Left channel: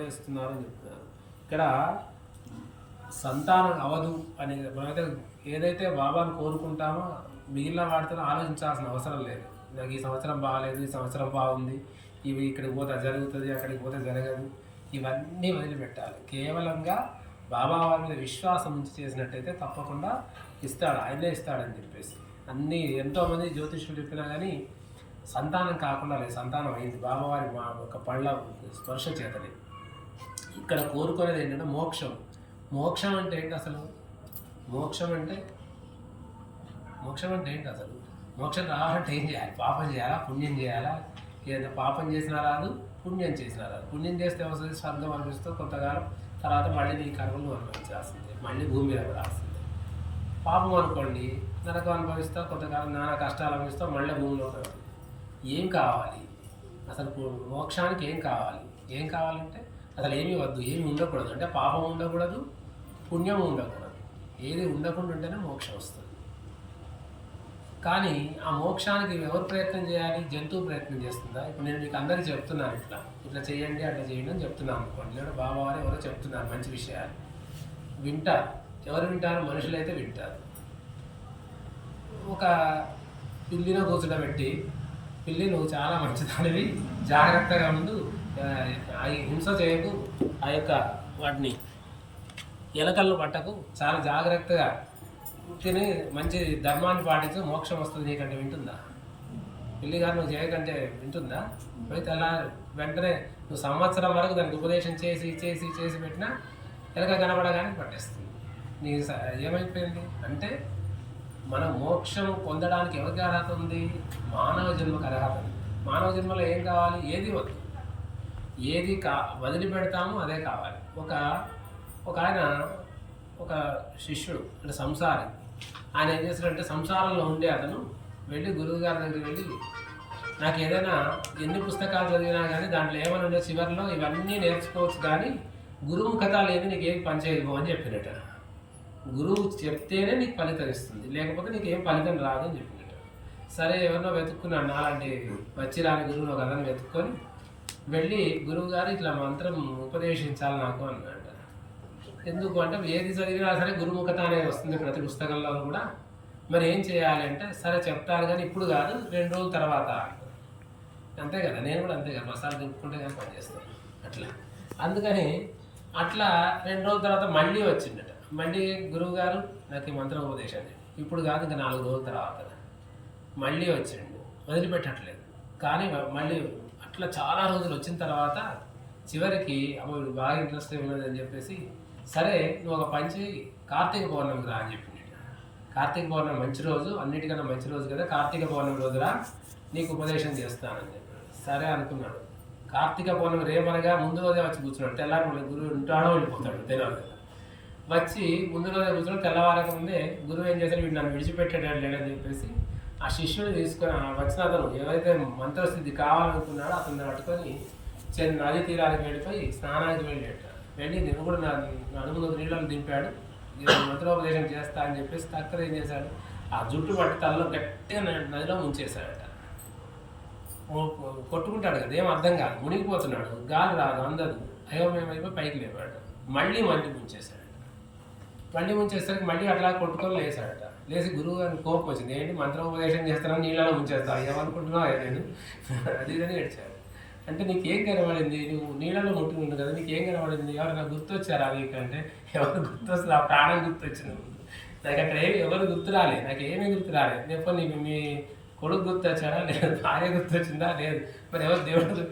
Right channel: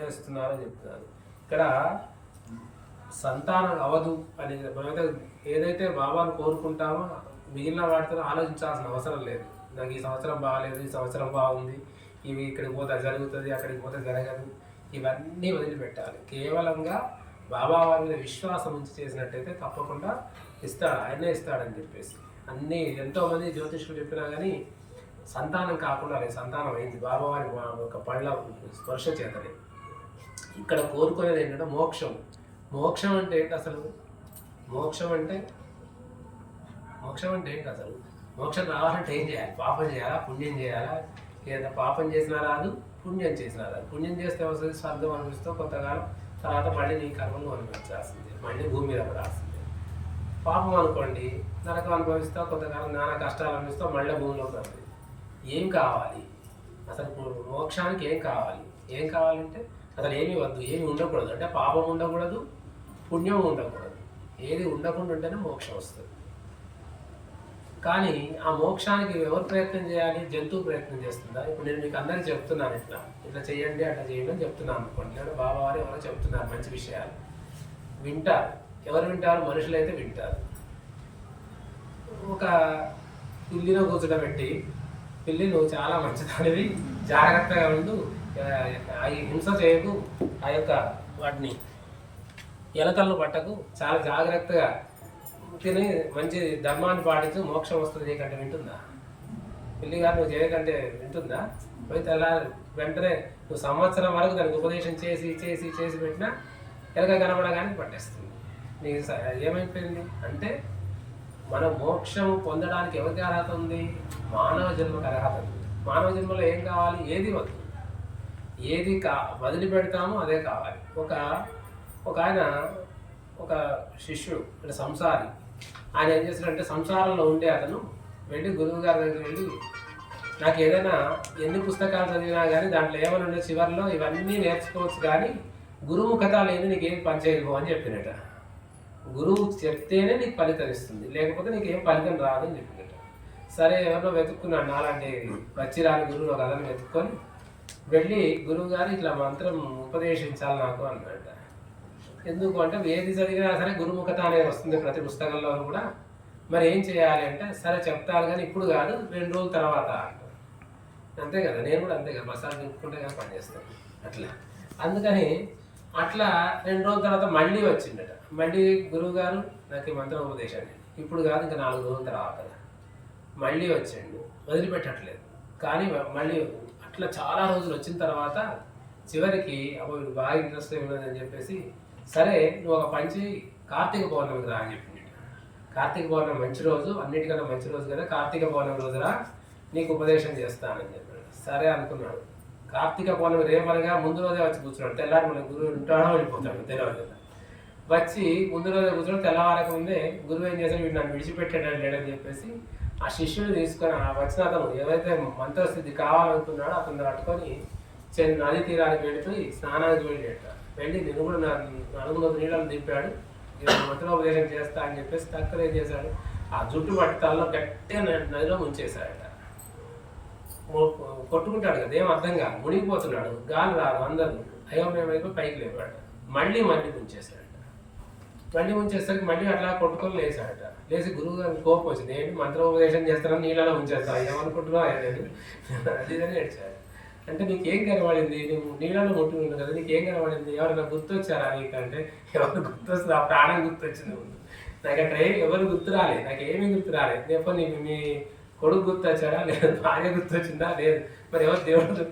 వేస్తున్నారని చెప్తున్నారు. ఇక్కడ సంతానం అవదు అనేది మనమైతే ఏదైతే బాబాను కోరుకుంటామో మిగిలిన వాటితో ఆలోచించాల్సిన అవసరం లేదు. నాకు ఈ సంవత్సరం బాగాలేదు, ఈ సంవత్సరం బాగుంది, ఇవి ఇక్కడికి పోతే జరుగుతుంది, అక్కడికి పోతే జరగదు, ఇవన్నీ వదిలిపెట్టాలి. కేవలంగా బాబా వారి మీద విశ్వాసం ఉంచి చేసినట్టయితే తప్పకుండా ఇస్తాడు, ఆయనే ఇస్తాడని చెప్పేసి అన్నీ ఎంతోమంది జ్యోతిష్యులు చెప్పినా కానీ సంతానం కాకుండా లేదు. సంతానం అయింది బాబావారి ఒక పళ్ళ స్పర్శ చేతనే. ఇక్కడ కోరుకునేది ఏంటంటే మోక్షం. మోక్షం అంటే ఏంటి అసలు? మోక్షం అంటే ఏంటి అసలు? మోక్షం రావాలంటే ఏం చేయాలి? పాపం చేయాలా, పుణ్యం చేయాలా? లేదా పాపం చేసినా రాదు, పుణ్యం చేసినా రాదు. పుణ్యం చేస్తే వస్తుంది స్వర్గం అనిపిస్తూ కొంతకాలం, తర్వాత మళ్ళీ నీ కర్మలు అనుభవించాల్సింది, మళ్ళీ భూమి మీద పడాల్సింది. పాపం అనుకోండి, నరకం అనుభవిస్తావు, కొంతకాలం నానా కష్టాలు అనిపిస్తావు, మళ్ళీ భూమిలో పడుతుంది. ఏం కావాలి అసలు? మోక్షానికి ఏం కావాలి? ఏం కావాలంటే అసలు ఏమీ వద్దు, ఏమి ఉండకూడదు. అంటే పాపం ఉండకూడదు, పుణ్యం ఉండకూడదు. ఏది ఉండకుండా ఉంటేనే మోక్షం వస్తుంది. కానీ ఆ మోక్షానికి ఎవరు ప్రయత్నం చేయాలి? జంతువు ప్రయత్నం చేస్తుందా? ఇప్పుడు నేను మీకు అందరికీ చెప్తున్నాను, ఇట్లా చేయండి, అట్లా చేయండి అని చెప్తున్నాను అనుకోండి. లేదా బాబావారు ఎవరో చెప్తున్నారు మంచి విషయాలు, వింటారు. ఎవరు వింటారు? మనుషులైతే వింటారు. ఒక పిల్లిలో కూర్చోబెట్టి, పిల్లి నువ్వు చాలా మంచిదానివి, జాగ్రత్తగా ఉండు, హింస చేయకు, ఆ యొక్క వాటిని ఎలకలను పట్టకు, చాలా జాగ్రత్తగా తిని మంచి ధర్మాన్ని పాటించు, మోక్షం వస్తుంది నీకంటే వింటుందా? పిల్లి గారు నువ్వు చేయకంటే వింటుందా? పోయి వెంటనే నువ్వు సంవత్సరం వరకు దానికి ఉపదేశం చేసి చేసి చేసి పెట్టినా ఎలక కనపడగానే పట్టేస్తుంది. నీకు ఏమైపోయింది అంటే మనం మోక్షం పొందడానికి ఎవరికి అర్హత ఉంది? మానవ జన్మకు అర్హత ఉంది. మానవ జన్మలో ఏం కావాలి? ఏది వద్దు, ఏది వదిలిపెడతామో అదే కావాలి. ఒక ఆయన, ఒక శిష్యుడు అంటే సంసారి, ఆయన ఏం చేస్తాడంటే సంసారంలో ఉండే అతను వెళ్ళి గురువు గారి దగ్గరికి వెళ్ళి, నాకు ఏదైనా ఎన్ని పుస్తకాలు చదివినా కానీ దాంట్లో ఏమైనా ఉండే చివరిలో ఇవన్నీ నేర్చుకోవచ్చు, కానీ గురుముఖత లేదు, నీకు ఏం పని చేయదు అని చెప్పినట్ట. గురువు చెప్తేనే నీకు ఫలితం ఇస్తుంది, లేకపోతే నీకు ఏం ఫలితం రాదు అని చెప్పినట్ట. సరే ఎవరినో వెతుక్కున్నాడు, నాలాంటి వచ్చిరాని గురువు ఒక అతను వెతుక్కొని వెళ్ళి గురువు గారు ఇట్లా మంత్రం ఉపదేశించాలి నాకు అన్నట్ట. ఎందుకు అంటే ఏది చదివినా సరే గురుముఖత అనేది వస్తుంది ప్రతి పుస్తకంలో కూడా. మరి ఏం చేయాలి అంటే, సరే చెప్తాను కానీ ఇప్పుడు కాదు, 2 రోజుల తర్వాత అంటారు. అంతే కదా, నేను కూడా అంతే కదా, మసాలా దింపుకుంటే కానీ పనిచేస్తాను అట్లా. అందుకని అట్లా 2 రోజుల తర్వాత మళ్ళీ వచ్చిండట. మళ్ళీ గురువు గారు నాకు ఈ మంత్రం ఉపదేశాన్ని ఇప్పుడు కాదు, ఇంకా 4 రోజుల తర్వాత మళ్ళీ వచ్చిండు. వదిలిపెట్టట్లేదు. కానీ మళ్ళీ అట్లా చాలా రోజులు వచ్చిన తర్వాత చివరికి అమ్మ వీడు బాగా ఇంట్రెస్ట్ ఉన్నదని చెప్పేసి, సరే నువ్వు ఒక పని చేయి, కార్తీక పౌర్ణమికి రా అని చెప్పింది. కార్తీక పౌర్ణమి మంచి రోజు, అన్నిటికన్నా మంచి రోజు కదా, కార్తీక పౌర్ణమి రోజురా నీకు ఉపదేశం చేస్తానని చెప్పాడు. సరే అనుకున్నాడు. కార్తీక పౌర్ణమి రేపనగా ముందు రోజే వచ్చి కూర్చున్నాడు. తెల్లారి మళ్ళీ గురువు ఉంటాడో వెళ్ళిపోతాడు తెలియదు. వచ్చి ముందు రోజే కూర్చొని తెల్లవారక ముందే గురువు ఏం చేశాడు, వీడు నన్ను విడిచిపెట్టాడు లేడని చెప్పేసి ఆ శిష్యుని తీసుకొని వచ్చిన అతను ఎవరైతే మంత్రస్థితి కావాలనుకున్నాడో అతను పట్టుకొని నది తీరానికి వెళ్ళిపోయి స్నానానికి వెళ్ళి నేను కూడా నలుగురు నీళ్ళని దింపాడు, మంత్రోపదేశం చేస్తా అని చెప్పేసి తక్కువ ఏం చేశాడు, ఆ జుట్టు పట్టి తలలో గట్టిగా నదిలో ముంచేశాడట. కొట్టుకుంటాడు కదా, ఏం అర్థం కాదు, మునిగిపోతున్నాడు, గాలి రాదు, అందదు, అయోమయమైపోయి పైకి లేపాడు. మళ్ళీ ముంచేశాడట. మళ్ళీ ముంచేసరికి మళ్ళీ అట్లా కొట్టుకొని లేచాడట. లేచి గురువు గారికి కోపం వచ్చింది, ఏంటి మంత్రోపదేశం చేస్తానని నీళ్ళలో ముంచేస్తా, ఏమనుకుంటున్నావు అని అది అని ఏడ్చాడు. అంటే నీకేం కనబడింది? నువ్వు నీళ్ళలో ముట్టుకుంటావు కదా, నీకేం కనబడింది? ఎవరైనా గుర్తొచ్చారా నీకంటే? ఎవరు గుర్తొస్తుంది? ఆ ప్రాణం గుర్తొచ్చింది. నాకు అక్కడ ఎవరు గుర్తు రాలేదు, నాకు ఏమీ గుర్తు రాలేదు. చెప్పండి, మీ కొడుకు గుర్తొచ్చాడా? లేదు. భార్య గుర్తొచ్చిందా? లేదు. మరి ఎవరు దేవుడు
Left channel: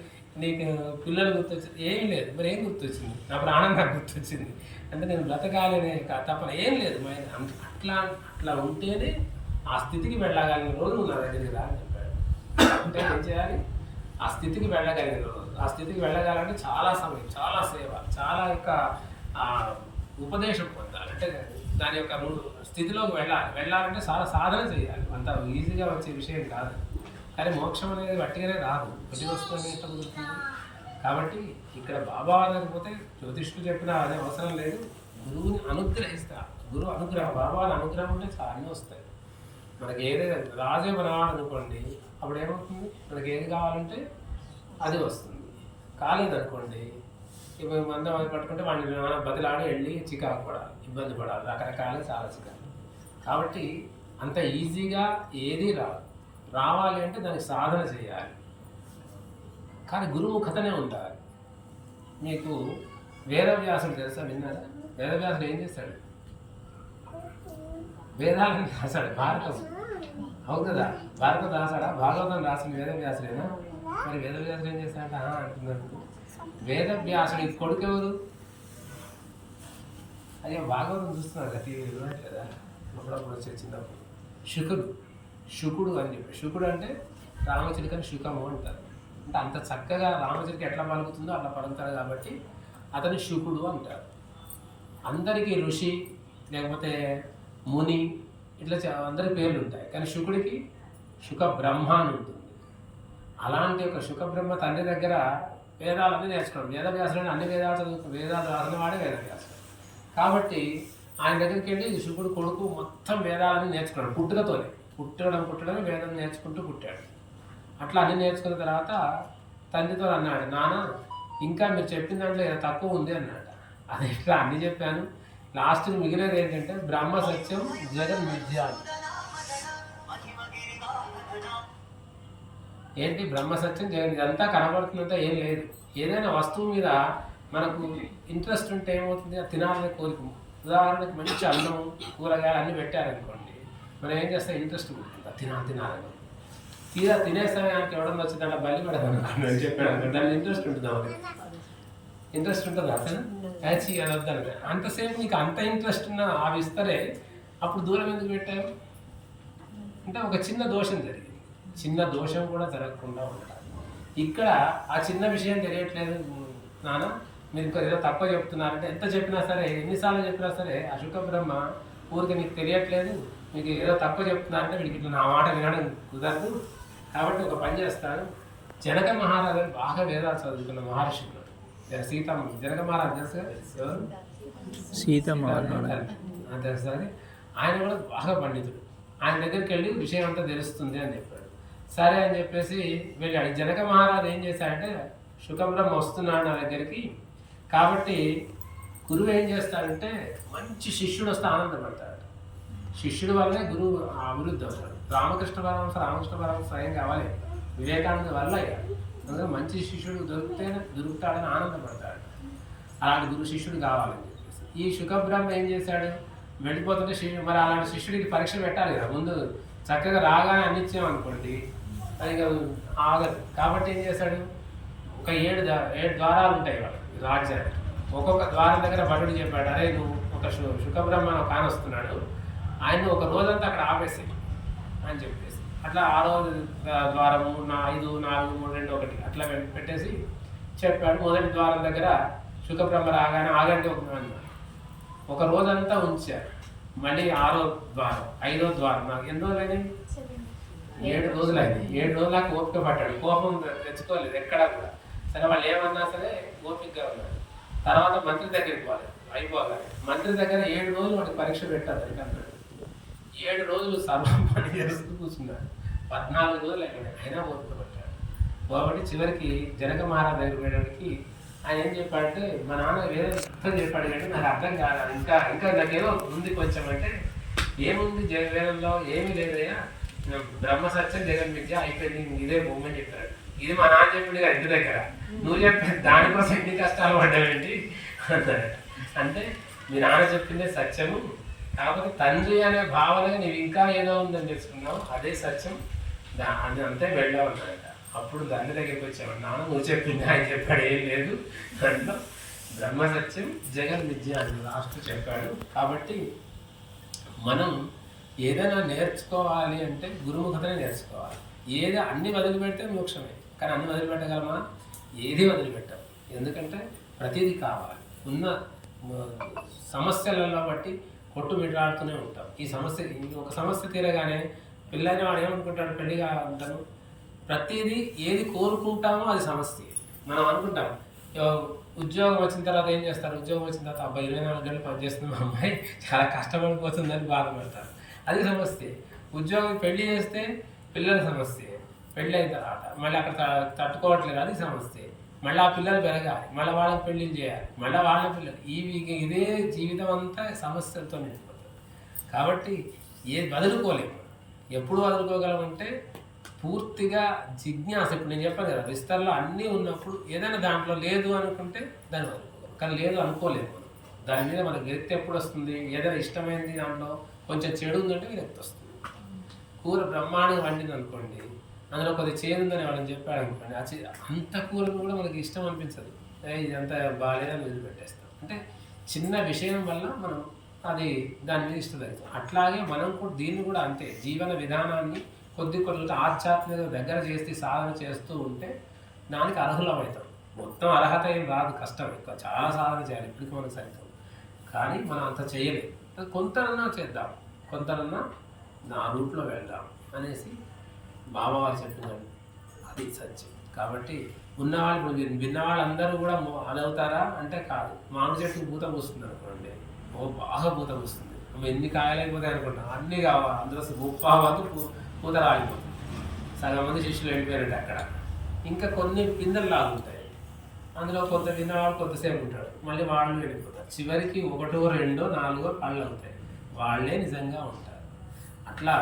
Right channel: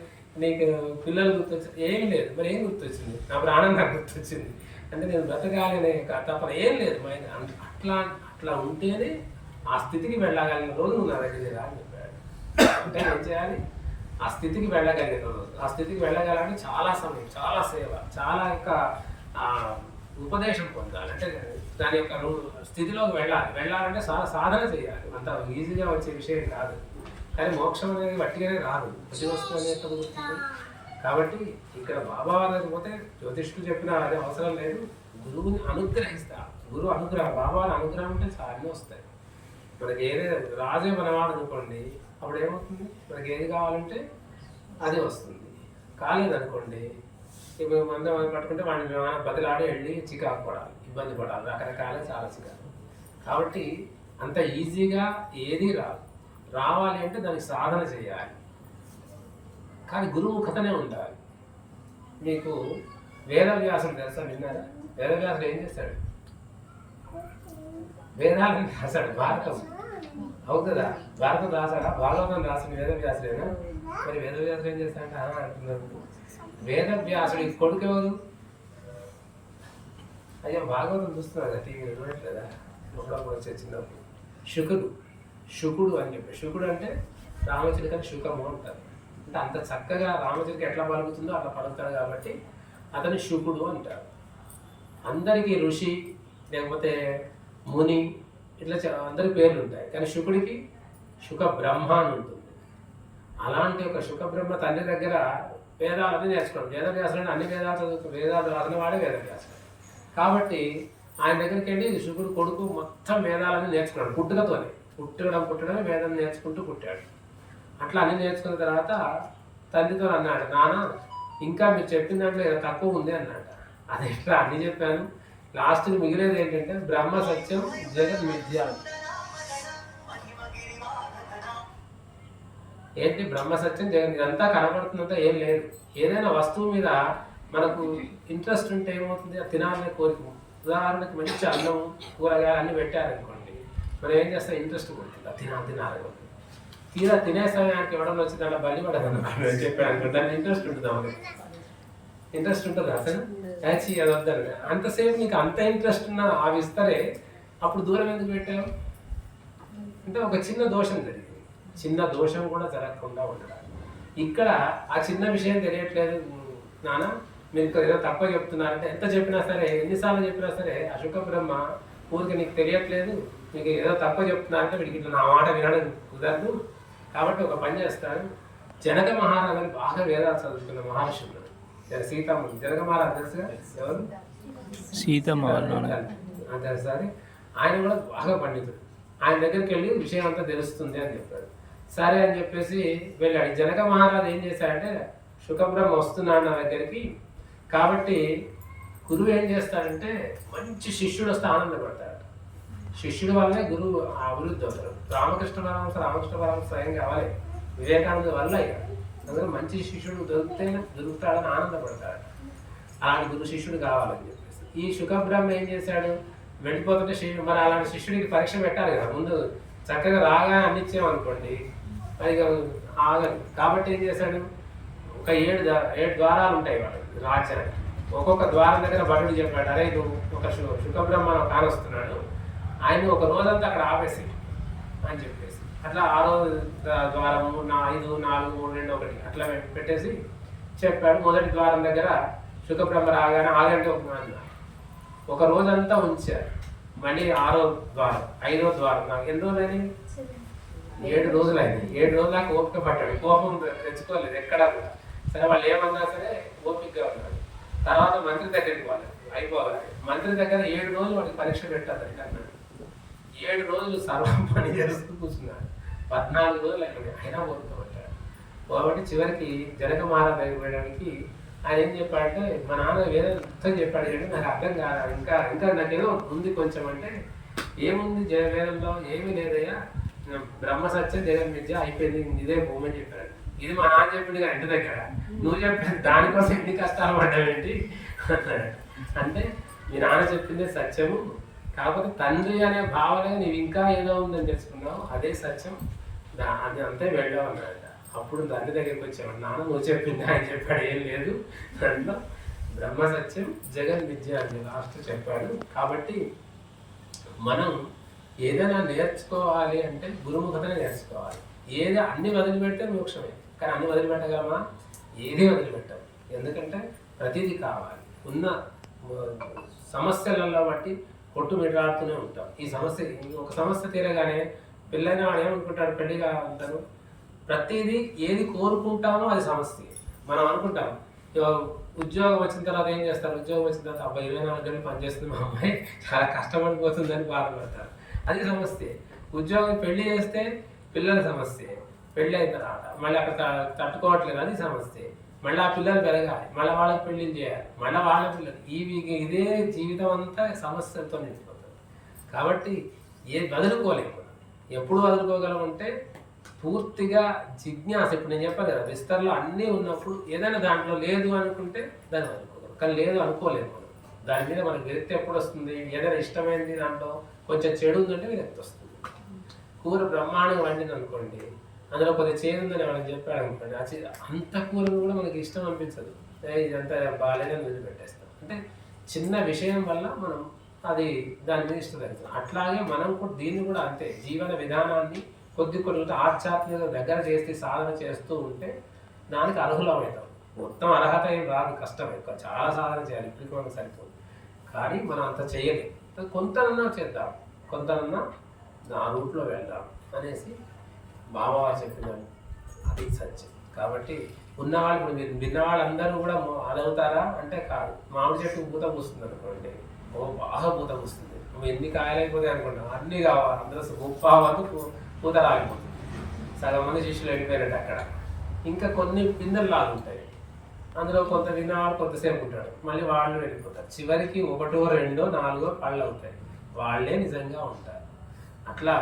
నీకు పిల్లలు గుర్తొచ్చారు? ఏమీ లేదు. మరి ఏం గుర్తొచ్చింది? నా ప్రాణం నాకు గుర్తొచ్చింది. అంటే నేను బ్రతకాలనే తప్పన ఏం లేదు. అట్లా ఉంటేనే ఆ స్థితికి వెళ్ళగలిగిన రోజు నువ్వు నా దగ్గరికి రా అని చెప్పాడు. అంటే ఏం చేయాలి? ఆ స్థితికి వెళ్ళగలిగిన రోజు, ఆ స్థితికి వెళ్ళగాలంటే చాలా సమయం, చాలా సేవ, చాలా యొక్క ఉపదేశం పొందాలి. అంటే దాని యొక్క స్థితిలోకి వెళ్ళాలంటే చాలా సాధన చేయాలి. అంత ఈజీగా వచ్చే విషయం కాదు. కానీ మోక్షం అనేది వట్టిగానే రాదు, వచ్చి వస్తుంది ఎట్లా కుదురుతుంది? కాబట్టి ఇక్కడ బాబా వారికి పోతే జ్యోతిష్కులు చెప్పినా అదే అవసరం లేదు, గురువుని అనుగ్రహిస్తారు. గురువు అనుగ్రహం, బాబాని అనుగ్రహం అంటే చాలా అన్నీ వస్తాయి. మనకి ఏదైనా రాజే మనవాడు అనుకోండి, అప్పుడు ఏమవుతుంది? మనకి ఏది కావాలంటే అది వస్తుంది. కాలేదనుకోండి ఇప్పుడు మంది పట్టుకుంటే వాడిని బతిలాడి వెళ్ళి చికాకు పడాలి, ఇబ్బంది పడాలి, రకరకాలుగా చాలా చికాకు. కాబట్టి అంత ఈజీగా ఏది రాదు. రావాలి అంటే దానికి సాధన చేయాలి, కానీ గురుముఖతనే ఉండాలి. మీకు వేదవ్యాసుడు తెలుసా, విన్నారా? వేదవ్యాసుడు ఏం చేస్తాడు? వేదాలను రాశాడు, భారతం. అవును కదా, భారతం రాశాడా? భాగవతం రాసిన వేదవ్యాసుడేనా? మరి వేదవ్యాసుడు ఏం చేస్తాడంటే అంటున్నారు. వేదవ్యాసుడి కొడుకు ఎవరు? అయ్యా భాగవతం చూస్తున్నారు కదా, టీవీ వినట్లేదా? ఒకడప్పుడు వచ్చే చిన్నప్పుడు శుకుడు అని చెప్పి. శుకుడు అంటే రామచిలుకని శుకము అంటారు. అంటే అంత చక్కగా రామచిలుక ఎట్లా పలుకుతుందో అట్లా పలుకుతాడు కాబట్టి అతని శుకుడు అంటారు. అందరికీ ఋషి లేకపోతే ముని ఇట్లా అందరి పేర్లు ఉంటాయి, కానీ శుకుడికి శుక బ్రహ్మ అని ఉంటుంది. అలాంటి ఒక శుక బ్రహ్మ తండ్రి దగ్గర వేదాలన్నీ నేర్చుకోవడం. వేదవ్యాసుడు అన్ని వేదాలు రాసిన వాడే వేదవ్యాసుడు. కాబట్టి ఆయన దగ్గరికి వెళ్ళి శుకుడు కొడుకు మొత్తం వేదాలన్నీ నేర్చుకున్నాడు. పుట్టడమే వేదం నేర్చుకుంటూ పుట్టాడు. అట్లా అన్ని నేర్చుకున్న తర్వాత తండ్రితో అన్నాడు, నాన్న ఇంకా మీరు చెప్పిన దాంట్లో ఏదో తక్కువ ఉంది అన్నాడు. అది ఇట్లా అన్ని చెప్పాను, లాస్ట్కి మిగిలేదు ఏంటంటే బ్రహ్మ సత్యం జగన్ మిథ్య. ఏంటి బ్రహ్మ సత్యం జగన్? ఇదంతా కనబడుతుందంతా ఏం లేదు. ఏదైనా వస్తువు మీద మనకు ఇంట్రెస్ట్ ఉంటే ఏమవుతుంది, తినాలనే కోరిక. ఉదాహరణకి మంచి అన్నం కూరగాయలు అన్నీ పెట్టారనుకోండి, మనం ఏం చేస్తాం, ఇంట్రెస్ట్ ఉంటుంది తినాలి. తీరా తినే సమయానికి ఎవడన్నా వచ్చి దాంట్లో బలి పడదు అనుకోండి, చెప్పాను దానికి ఇంట్రెస్ట్ ఉంటుంది. ఇంట్రెస్ట్ ఉంటుంది అతను యాచి అది వద్దని. అంతసేపు నీకు అంత ఇంట్రెస్ట్ ఉన్న అవి ఇస్తారే, అప్పుడు దూరం ఎందుకు పెట్టావు అంటే ఒక చిన్న దోషం జరిగింది. చిన్న దోషం కూడా జరగకుండా ఉండడం. ఇక్కడ ఆ చిన్న విషయం తెలియట్లేదు నాన్న, మీరు ఏదో తప్ప చెప్తున్నారంటే ఎంత చెప్పినా సరే, ఎన్నిసార్లు చెప్పినా సరే అశుక బ్రహ్మ ఊరికి నీకు తెలియట్లేదు, మీకు ఏదో తప్ప చెప్తున్నారంటే వీడికి ఇట్లా నా మాట వినడం కుదరదు. కాబట్టి ఒక పని చేస్తాను, జనక మహారాజు బాగా వేదాలు చదువుతున్న మహర్షులు, సీతమ్మ జనక మహారాజు తెలుసుగా, ఎవరు? సీతమ్మ తెలుసు. ఆయన కూడా బాగా పండితుడు. ఆయన దగ్గరికి వెళ్ళి విషయం అంతా తెలుస్తుంది అని చెప్పాడు. సరే అని చెప్పేసి వెళ్ళాడు. జనక మహారాజు ఏం చేశారంటే, శుకబ్రహ్మ వస్తున్నాడు నా దగ్గరికి, కాబట్టి గురువు ఏం చేస్తాడంటే మంచి శిష్యుడు వస్తే ఆనందపడతాడు. శిష్యుడి వల్లే గురువు అభివృద్ధి అవుతాడు. రామకృష్ణ పరమహంస స్వయంగా అవ్వలే, వివేకానంద వల్ల అయ్యాడు. అందులో మంచి శిష్యుడు దొరుకుతాడని ఆనందపడతాడు. అలాంటి గురు శిష్యుడు కావాలని చెప్పేసి ఈ శుకబ్రహ్మ ఏం చేశాడు, వెళ్ళిపోతుంటే మరి అలాంటి శిష్యుడికి పరీక్ష పెట్టాలి కదా ముందు. చక్కగా రాగా అన్నిచ్చామనుకోండి పైగా ఆగదు. కాబట్టి ఏం చేశాడు, ఒక 7 ద్వారాలు ఉంటాయి వాడు రాజ్యానికి. ఒక్కొక్క ద్వారం దగ్గర భటుడు చెప్పాడు, అరే నువ్వు ఒక శుకబ్రహ్మ కానొస్తున్నాడు, ఆయన ఒక రోజంతా అక్కడ ఆపేసి అని చెప్పేసి అట్లా 6వ ద్వారం 5, 4, 3, 2, 1 అట్లా పెట్టేసి చెప్పాడు. మొదటి ద్వారం దగ్గర శుకబ్రహ్మ రాగానే ఆగంటే ఒక రోజంతా ఉంచారు. మళ్ళీ 6వ ద్వారం 5వ ద్వారం నాకు ఎన్ని రోజులైనాయి, 7 రోజులైంది. 7 రోజుల దాకా ఓపిక పట్టాడు, కోపం తెచ్చుకోలేదు ఎక్కడా కూడా. సరే వాళ్ళు ఏమన్నా సరే ఓపికగా ఉన్నాడు. తర్వాత మంత్రి దగ్గరికి అయిపోవాలి. మంత్రి దగ్గర 7 రోజులు వాడికి పరీక్ష పెట్టారు. అన్నాడు 7 రోజులు సర్వం పని చేస్తూ కూర్చున్నాడు. 14 రోజులు అయినా ఓపిక పట్టాడు. కాబట్టి చివరికి జనక మహారాజు దగ్గరికి వెళ్ళడానికి ఆయన ఏం చెప్పాడంటే, మా నాన్న వేరే యుద్ధం చెప్పాడు కానీ నాకు అర్థం కాదు, ఇంకా నాకేదో ఉంది కొంచెం అంటే, ఏముంది వేదంలో ఏమీ లేదయ్యా, బ్రహ్మ సత్యం జగన్ మిథ్య అయిపోయింది, ఇదే బొమ్మని చెప్పాడు. ఇది మా నాన్న చెప్పింది కదా ఇంటి దగ్గర, నువ్వు చెప్పేది దానికోసం ఎన్ని కష్టాలు పడ్డావేంటి అన్నాడు. అంటే మీ నాన్న చెప్పిందే సత్యము, కాకపోతే తండ్రి అనే భావన నీవు ఇంకా ఏదో ఉందని తెలుసుకున్నావు, అదే సత్యం, అది అంతే వెళ్ళావు అన్నాడు. అప్పుడు తండ్రి దగ్గరికి వచ్చావు, నాన్న నువ్వు చెప్పింది ఆయన చెప్పాడు, ఏం లేదు దాంట్లో బ్రహ్మ సత్యం జగన్ విద్య అని లాస్ట్ చెప్పాడు. కాబట్టి మనం ఏదైనా నేర్చుకోవాలి అంటే గురుముఖతనే నేర్చుకోవాలి. అన్ని వదిలిపెడితే మోక్షమే, కానీ అన్ని వదిలిపెట్టగలమా? ఏది వదిలిపెట్టాం. ఎందుకంటే ప్రతిదీ కావాలి. ఉన్న సమస్యలలో బట్టి కొట్టుమిట్లాడుతూనే ఉంటాం. ఈ సమస్య ఇంకొక సమస్య తీరగానే పెళ్ళైన వాడు ఏమనుకుంటాడు, పెళ్లిగా ఉంటాను, ప్రతిదీ ఏది కోరుకుంటామో అది సమస్య. మనం అనుకుంటాం ఉద్యోగం వచ్చిన తర్వాత ఏం చేస్తారు, ఉద్యోగం వచ్చిన తర్వాత 24 గంటలు పనిచేస్తుంది మా అమ్మాయి, చాలా కష్టపడిపోతుందని బాధపడతారు, అది సమస్య. ఉద్యోగం పెళ్లి చేస్తే పిల్లల సమస్య, పెళ్ళి అయిన తర్వాత మళ్ళీ అక్కడ తట్టుకోవట్లేదు, అది సమస్య. మళ్ళీ ఆ పిల్లలు పెరగాలి, మళ్ళీ వాళ్ళకి పెళ్ళిళ్ళు చేయాలి, మళ్ళీ వాళ్ళ పిల్లలు, ఇదే జీవితం అంతా సమస్యలతో నిండిపోతుంది. కాబట్టి వదులుకోలేము. ఎప్పుడు వదులుకోగలమంటే పూర్తిగా జిజ్ఞాస. ఇప్పుడు నేను చెప్పాను కదా, విస్తరలో అన్నీ ఉన్నప్పుడు ఏదైనా దాంట్లో లేదు అనుకుంటే దాన్ని వదులుకోగలం, కానీ లేదు అనుకోలేము మనం. దాని మీద మనకు విరక్తి ఎప్పుడు వస్తుంది? ఏదైనా ఇష్టమైనది దాంట్లో కొంచెం చెడు ఉందంటే విరక్తి వస్తుంది. కూర బ్రహ్మాండంగా వండింది అనుకోండి, అందులో కొద్దిగా చేదు ఉందని వాళ్ళని చెప్పాడు అనుకోండి, అంత కూరలు కూడా మనకి ఇష్టం అనిపించదు, ఇదంతా బాగాలేదని వదిలిపెట్టేస్తాం. అంటే చిన్న విషయం వల్ల మనం అది దాని మీద ఇష్టం జరుగుతుంది. అట్లాగే మనం కూడా దీన్ని కూడా అంతే, జీవన విధానాన్ని కొద్ది ఆధ్యాత్మిక దగ్గర చేసి సాధన చేస్తూ ఉంటే దానికి అర్హులమవుతాం. మొత్తం అర్హత ఏం రాదు, కష్టం, ఎక్కువ చాలా సాధన చేయాలి, ఇప్పటికి మనకు సరిపోదు. కానీ మనం అంత చేయలేము. కొంతనన్నా చేద్దాం, కొంతనన్నా ఆ రూట్లో వెళ్దాం అనేసి బాబావారు చెప్పినారు, అది సత్యం. కాబట్టి ఉన్నవాళ్ళు విన్నవాళ్ళందరూ కూడా అలవుతారా అంటే కాదు. మామిడి చెట్టు పూత పూస్తుంది అనుకోండి, బాగా పూత పూస్తుంది, నువ్వు ఎన్ని కాయలు అయిపోతాయి అనుకుంటాం, అన్నీ కావాలి, అందరూ గొప్ప వరకు పూత రాలిపోతుంది. సగం మంది శిష్యులు వెళ్ళిపోయినట్టు అక్కడ. ఇంకా కొన్ని పిందెలు లాగుంటాయి, అందులో కొంత విన్నవాళ్ళు కొంతసేపు ఉంటాడు, మళ్ళీ వాళ్ళు వెళ్ళిపోతారు. చివరికి 1, 2, 4 పళ్ళు అవుతాయి, వాళ్ళే నిజంగా ఉంటారు. అట్లా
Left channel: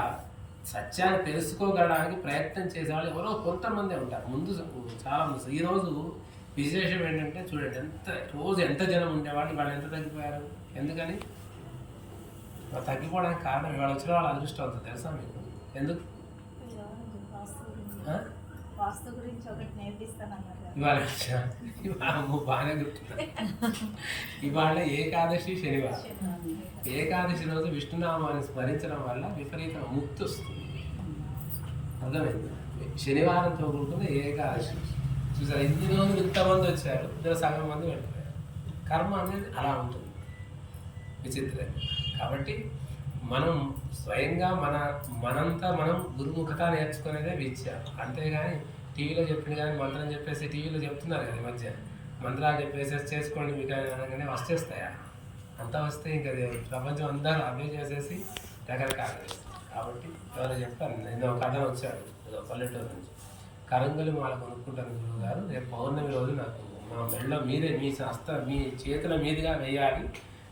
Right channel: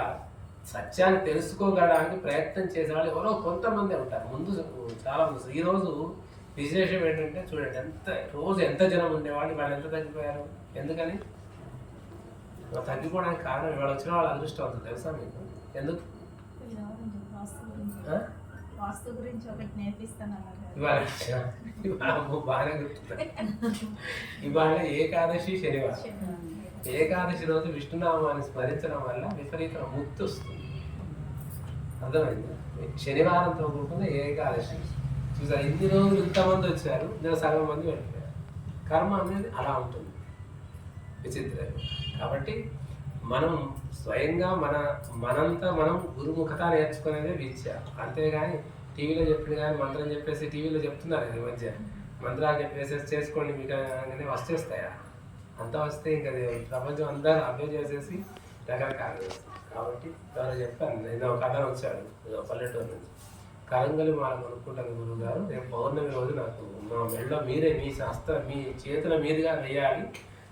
సత్యాన్ని తెలుసుకోగలడానికి ప్రయత్నం చేసేవాళ్ళు ఎవరో కొంతమంది ఉంటారు, ముందు చాలా మంది. ఈరోజు విశేషం ఏంటంటే చూడండి, రోజు ఎంత జనం ఉండేవాళ్ళు, వాళ్ళు ఎంత తగ్గిపోయారు. ఎందుకని? తగ్గిపోవడానికి కారణం ఇవాళ వచ్చిన వాళ్ళు అదృష్టం అవుతుంది, తెలుసా మీకు? ఎందుకు? ఇవాళ బాగానే గుర్తుంది. ఇవాళ ఏకాదశి, శనివారం. ఏకాదశి రోజు విష్ణునామాన్ని స్మరించడం వల్ల విపరీత ముక్తి వస్తుంది, అర్థమైంది? శనివారంతో కూడుకున్న ఏకాదశి చూసారు. ఇన్ని రోజులు ఇంతమంది వచ్చారు, ఇందులో సగం మంది వెళ్ళిపోయారు. కర్మ అనేది అలా ఉంటుంది, విచిత్రం. కాబట్టి మనం స్వయంగా మనంతా మనం గురుముఖత నేర్చుకునేదే విద్య. అంతేగాని టీవీలో చెప్పిన కానీ మంత్రం చెప్పేసి టీవీలో చెప్తున్నారు కదా ఈ మధ్య, మంత్రాలు చెప్పేసి చేసుకోండి మీకు అనగానే వచ్చేస్తాయా? అంత వస్తే ఇంకా ప్రపంచం అందరూ అవే చేసేసి రకరకాలు చేస్తారు. కాబట్టి ఎవరు చెప్పారు, నేను ఒక కథ వచ్చాడు పల్లెటూరు నుంచి, కరంగలి మాల కొనుక్కుంటాను గురువు గారు, రేపు పౌర్ణమి రోజు నాకు నా మెడలో మీరే మీ చేతుల మీదుగా వేయాలి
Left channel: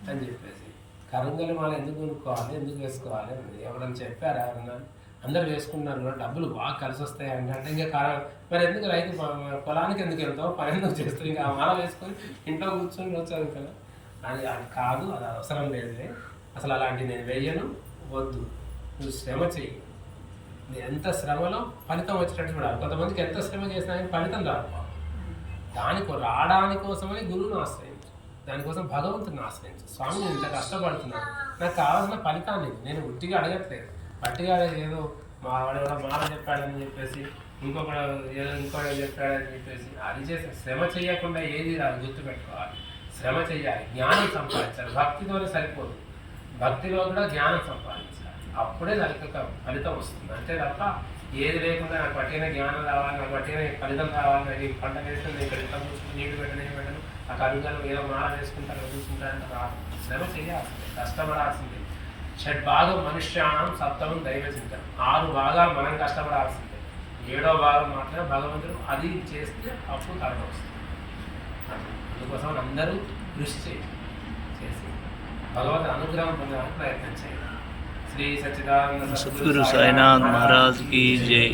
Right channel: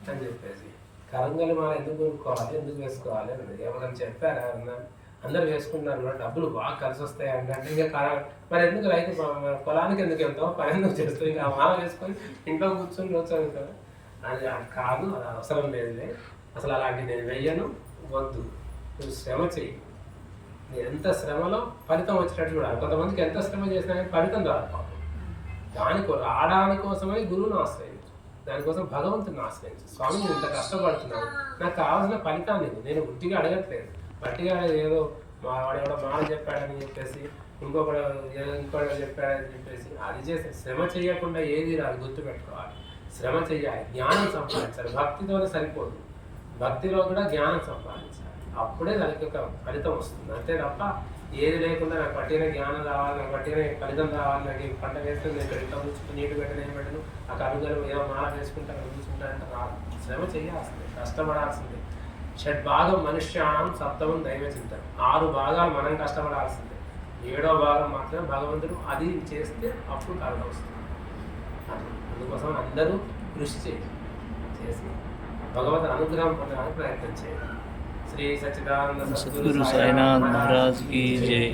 అని చెప్పేసి. కరంగలి మాల ఎందుకు కొనుక్కోవాలి, ఎందుకు వేసుకోవాలి అని ఎవరన్నా చెప్పారా? ఎవరన్నా? అందరూ వేసుకుంటున్నారు కూడా, డబ్బులు బాగా కలిసి వస్తాయి అంటే ఇంకా మరి ఎందుకు రైతు పొలానికి ఎందుకు వెళ్తావు, పని ఎందుకు చేస్తావు, ఇంకా మాల వేసుకొని ఇంట్లో కూర్చొని రోజు చదువుతాను అని కాదు, అది అవసరం లేదులే, అసలు అలాంటి నేను వెయ్యను, వద్దు, నువ్వు శ్రమ చెయ్యి. ఎంత శ్రమలో ఫలితం వచ్చేటట్టు కూడా. కొంతమందికి ఎంత శ్రమ చేసినా కానీ ఫలితం రాదు. రావడానికి కోసమని గురువుని ఆశ్రయించు, దానికోసం భగవంతుని ఆశ్రయించు. స్వామి నేను ఇంత కష్టపడుతున్నాను, నాకు కావాల్సిన ఫలితాన్ని నేను ఉట్టిగా అడగట్లేదు, పట్టిగా ఏదో వాడెవడో మాల చెప్పాడని చెప్పేసి ఇంకొకడు చెప్పాడని చెప్పేసి అది చేసి శ్రమ చేయకుండా ఏది రాదు. గుర్తుపెట్టుకోవాలి, శ్రమ చెయ్యాలి, జ్ఞానం సంపాదించాలి. భక్తితోనే సరిపోదు, భక్తిలో కూడా జ్ఞానం సంపాదించాలి, అప్పుడే దానికి ఒక ఫలితం వస్తుంది. అంతే తప్ప ఏది లేకుండా నాకు పట్టిన జ్ఞానం రావాలి, నాకు పట్టిన ఫలితం రావాలి, నాకు పంట వేస్తే నేను ఎంత కూర్చుంటే నీటి పెట్టను ఏం పెట్టను, ఆ కరుగలు ఏదో మాల వేసుకుంటాను కూర్చుంటానంటే రాదు. శ్రమ చేయాల్సిందే, కష్టపడాల్సిందే. షడ్భాగం మనుష్యానం, సప్తమం దైవ చింతన. 6 భాగాలు మనం కష్టపడాల్సిందే, 7వ భాగం మాత్రమే భగవంతుడు. అది చేస్తే అప్పుడు కరుణ వస్తుంది. అందుకోసం అందరూ కృషి చేసి భగవంతుని అనుగ్రహం పొందడానికి ప్రయత్నం చేయాలి. శ్రీ సచ్చిదానంద సద్గురు సాయినాథ్ మహారాజ్ की जय।